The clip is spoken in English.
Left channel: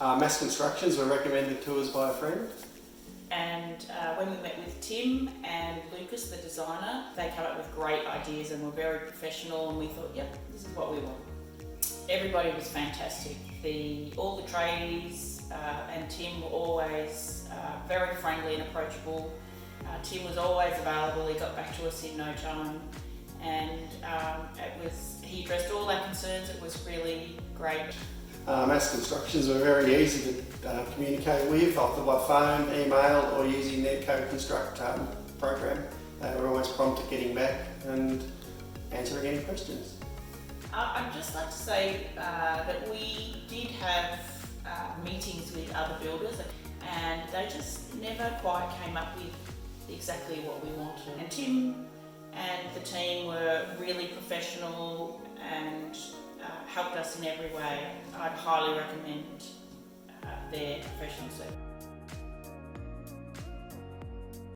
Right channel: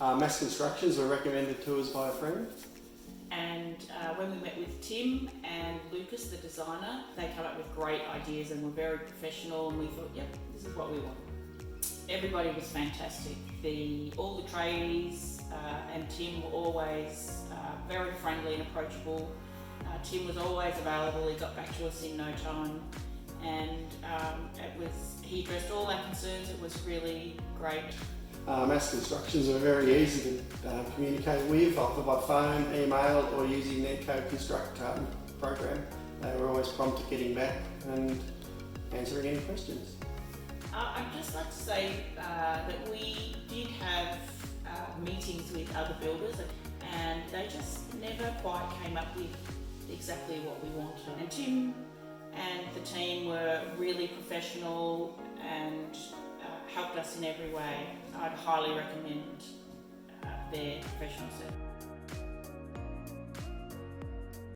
Mass Constructions were recommended to us by a friend. And when we met with Tim and Lucas, the designer, they came up with great ideas and were very professional, and we thought, yep, this is what we want. Everybody was fantastic. All the tradies and Tim were always very friendly and approachable. Tim was always available. He got back to us in no time, and he addressed all our concerns. It was really great. Mass Constructions were very easy to communicate with, either by phone, email, or using their Co-Construct program. They were always prompt at getting back and answering any questions. I'd just like to say that we did have meetings with other builders, and they just never quite came up with exactly what we wanted. And Tim and the team were really professional and helped us in every way. I'd highly recommend their professional service.